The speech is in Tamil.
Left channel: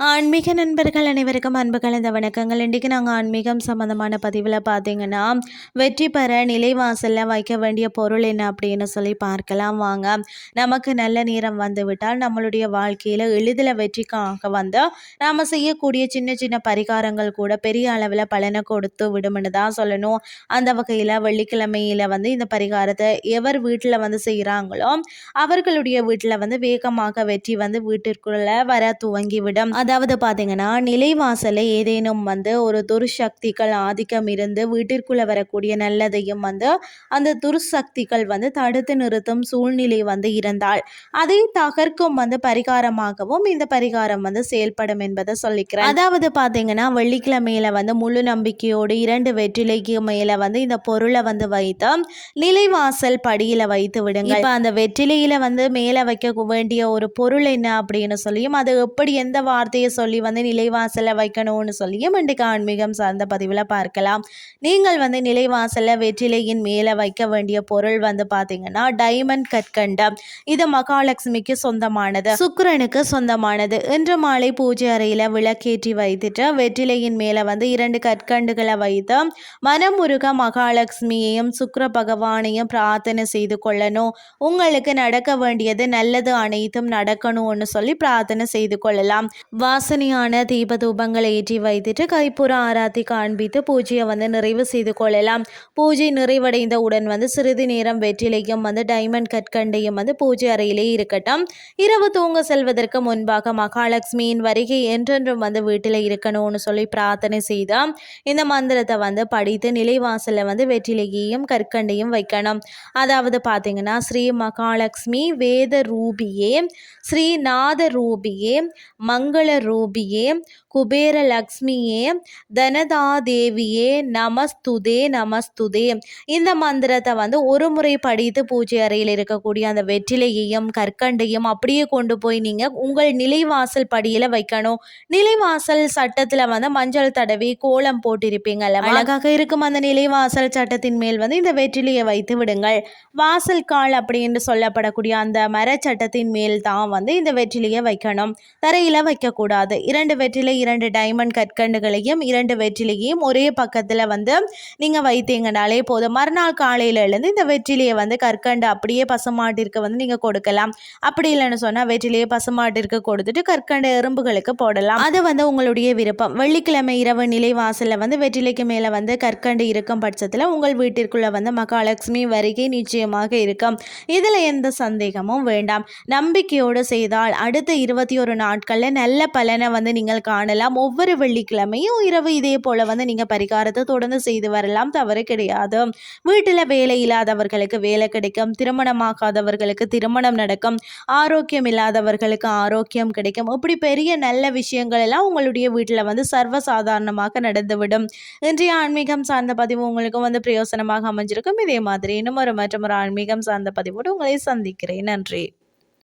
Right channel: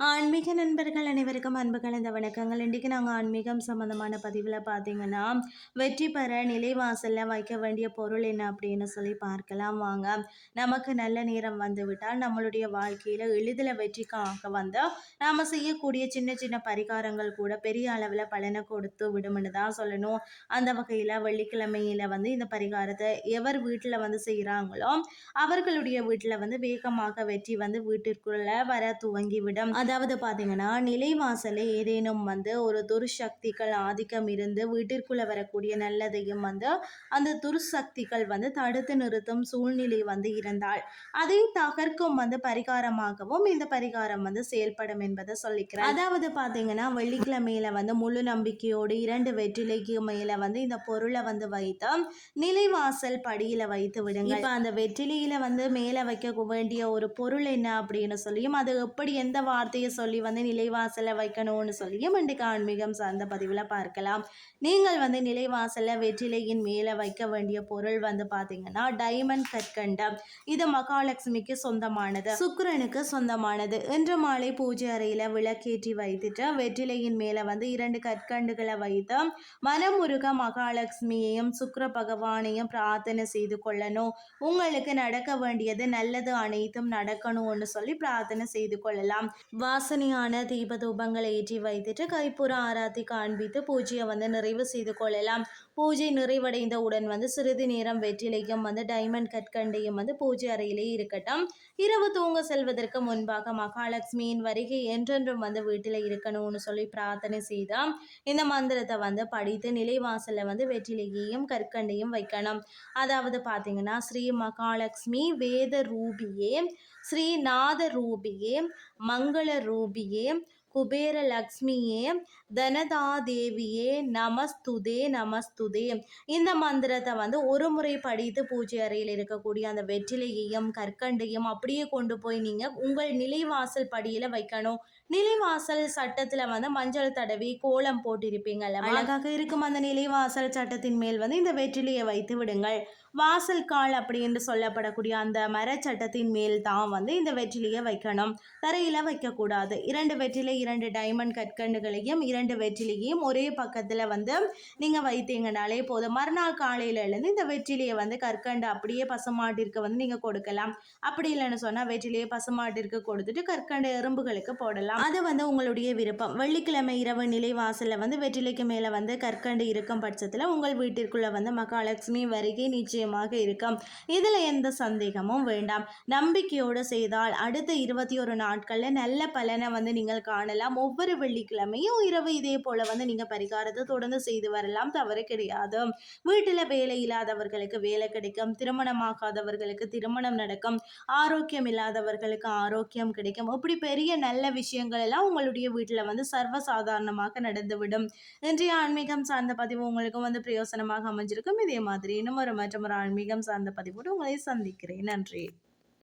ஆன்மீக நண்பர்கள் அனைவருக்கும் அன்பு கலந்த வணக்கங்கள். இன்றைக்கி நாங்கள் ஆன்மீகம் சம்மந்தமான பதிவில் பார்த்தீங்கன்னா வெற்றி பெற நிலைவாசலில் வைக்க வேண்டிய பொருள் என்ன அப்படின்னு சொல்லி பார்க்கலாம் வாங்க. நமக்கு நல்ல நேரம் வந்து விட்டால் நம்மளுடைய வாழ்க்கையில் எளிதில் வெற்றிக்காக வந்து நாம் செய்யக்கூடிய சின்ன சின்ன பரிகாரங்கள் கூட பெரிய அளவில் பலனை கொடுத்து விடும்னு தான் சொல்லணும். அந்த வகையில் வெள்ளிக்கிழமையில் வந்து இந்த பரிகாரத்தை எவர் வீட்டில் வந்து செய்கிறாங்களோ அவர்களுடைய வீட்டில் வந்து வேகமாக வெற்றி வந்து வீட்டிற்குள்ளே வர துவங்கிவிடும். அதாவது பார்த்தீங்கன்னா நிலைவாசலில் ஏதேனும் வந்து ஒரு துர்சக்திகள் ஆதிக்கம் இருந்து வீட்டிற்குள்ளே வரக்கூடிய நல்லதையும் வந்து அந்த துர்சக்திகள் வந்து தடுத்து நிறுத்தும் சூழ்நிலை வந்து இருந்தால் அதை தகர்க்கும் வந்து பரிகாரமாகவும் இந்த பரிகாரம் வந்து செயல்படும் என்பதை சொல்லிக்கிறேன். அதாவது பார்த்தீங்கன்னா வெள்ளிக்கிழமையில வந்து முழு நம்பிக்கையோடு இரண்டு வெற்றிலைக்கு மேலே வந்து இந்த பொருளை வந்து வைத்து நிலைவாசல் படியில் வைத்து விடுங்க இப்போ அந்த வெற்றிலையில வந்து மேலே வைக்க வேண்டிய ஒரு பொருள் என்ன அப்படின்னு சொல்லியும் அது எப்படி எந்த வார்த்தையை சொல்லி வந்து நிலைவாசலில் வைக்கணும்னு சொல்லியும் இன்றைக்கு ஆன்மீகம் சார்ந்த பதிவில் பார்க்கலாம். நீங்கள் வந்து நிலைவாசலில் வெற்றிலையின் மேலே வைக்க வேண்டிய பொருள் வந்து பார்த்தீங்கன்னா டைமண்ட் கற்கண்டம். இது மகாலட்சுமிக்கு சொந்தமானது. சுக்கரனுக்கு சொந்தமானது. இன்று மாலை பூஜை அறையில் விளக்கேற்றி வைத்துட்டு வெற்றிலையின் மேலே வந்து இரண்டு கற்கண்டுகளை வைத்து மனமுருக மகாலட்சுமியையும் சுக்கர பகவானையும் பிரார்த்தனை செய்து கொள்ளணும். உங்களுக்கு நடக்க வேண்டியது நல்லது அனைத்தும் நடக்கணும்னு சொல்லி பிரார்த்தனை செய்து கொள்ளலாம். வாசனையான தீபதூபங்களை ஏற்றி வைத்துட்டு கைப்புற ஆராத்தி காண்பித்து பூஜையை வந்து நிறைவு செய்து கொள்ளலாம். பூஜை நிறைவடைந்த உடன் வந்து சிறிது நேரம் வெற்றிலையும் வந்து டைமண்ட் கற்கண்டையும் வந்து பூஜை அறையிலே இருக்கட்டும். இரவு தூங்க செல்வதற்கு முன்பாக மகாலட்சுமியின் வருகை என்றென்றும் வந்து வீட்டில் இருக்கணும்னு சொல்லி பிரார்த்தனை செய்தால் இந்த மந்திரத்தை வந்து படித்து நிலைவாசலில் வந்து வெற்றிலையையும் கற்கண்டையும் வைக்கணும். அதாவது பார்த்தீங்கன்னா ஸ்ரீ மகாலட்சுமி வேத ரூபியே ஸ்ரீநாத ரூபியே மங்கள ரூபியே குபேர லக்ஷ்மியே தனதாதேவியே நமஸ்துதே நமஸ்துதே. இந்த மந்திரத்தை வந்து ஒரு முறை படித்து பூஜை அறையில் இருக்கக்கூடிய அந்த வெற்றிலையையும் கற்கண்டையும் அப்படியே கொண்டு போய் நீங்கள் உங்கள் நிலைவாசல் படியில் வைக்கணும். நிலைவாசல் சட்டத்தில் வந்து மஞ்சள் தடவி கோலம் போட்டிருப்பீங்கல்ல அழகாக இருக்கும் அந்த நிலைவாசல் சட்டத்தின் மேல் வந்து இந்த வெற்றிலையை வைத்து விடுங்கள். வாசல் கால் அப்படின்னு சொல்லப்படக்கூடிய அந்த மரச்சட்டத்தின் மேல் தான் வந்து இந்த வெற்றிலையை வைக்கணும். தரையில் வைக்கக்கூடாது. கூடாது. இரண்டு வெற்றிலை இரண்டு டைமண்ட் கற்கண்டுகளையும் இரண்டு வெற்றிலையும் ஒரே பக்கத்தில் வந்து நீங்கள் வைத்தீங்கனாலே போதும். மறுநாள் காலையிலேருந்து இந்த வெற்றிலையை வந்து கற்கண்டு அப்படியே பசுமாட்டிற்கு வந்து நீங்கள் கொடுக்கலாம். அப்படி இல்லைன்னு சொன்னால் வெற்றிலையை பசுமாட்டிற்கு கொடுத்துட்டு கற்கண்டு எறும்புகளுக்கு போடலாம். அது வந்து உங்களுடைய விருப்பம். வெள்ளிக்கிழமை இரவு நிலை வாசலில் வந்து வெற்றிலைக்கு மேலே வந்து கற்கண்டு இருக்கும் பட்சத்தில் உங்கள் வீட்டிற்குள்ளே வந்து மகாலட்சுமி வருகை நிச்சயமாக இருக்கும். இதில் எந்த சந்தேகமும் வேண்டாம். நம்பிக்கையோடு செய்தால் அடுத்த இருபத்தி ஒரு நாட்களில் நல்ல பலனை வந்து நீங்கள் காணலாம். ஒவ்வொரு வெள்ளிக்கிழமையும் இரவு இதே போல் வந்து நீங்கள் பரிகாரத்தை தொடர்ந்து செய்து வரலாம். தவறு கிடையாது. வீட்டில் வேலை இல்லாதவர்களுக்கு வேலை கிடைக்கும். திருமணமாகாதவர்களுக்கு திருமணம் நடக்கும். ஆரோக்கியம் இல்லாதவர்களுக்கு ஆரோக்கியம் கிடைக்கும். இப்படி பெரிய நல்ல விஷயங்கள் எல்லாம் உங்களுடைய வீட்டில் வந்து சர்வசாதாரணமாக நடந்துவிடும். இன்றைய ஆன்மீகம் சார்ந்த பதிவு உங்களுக்கும் வந்து பிரயோசனமாக அமைஞ்சிருக்கும். இதே மாதிரி இன்னும் ஒரு மற்றும் ஒரு ஆன்மீகம் சார்ந்த பதிவோடு உங்களை சந்திக்கிறேன். நன்றி.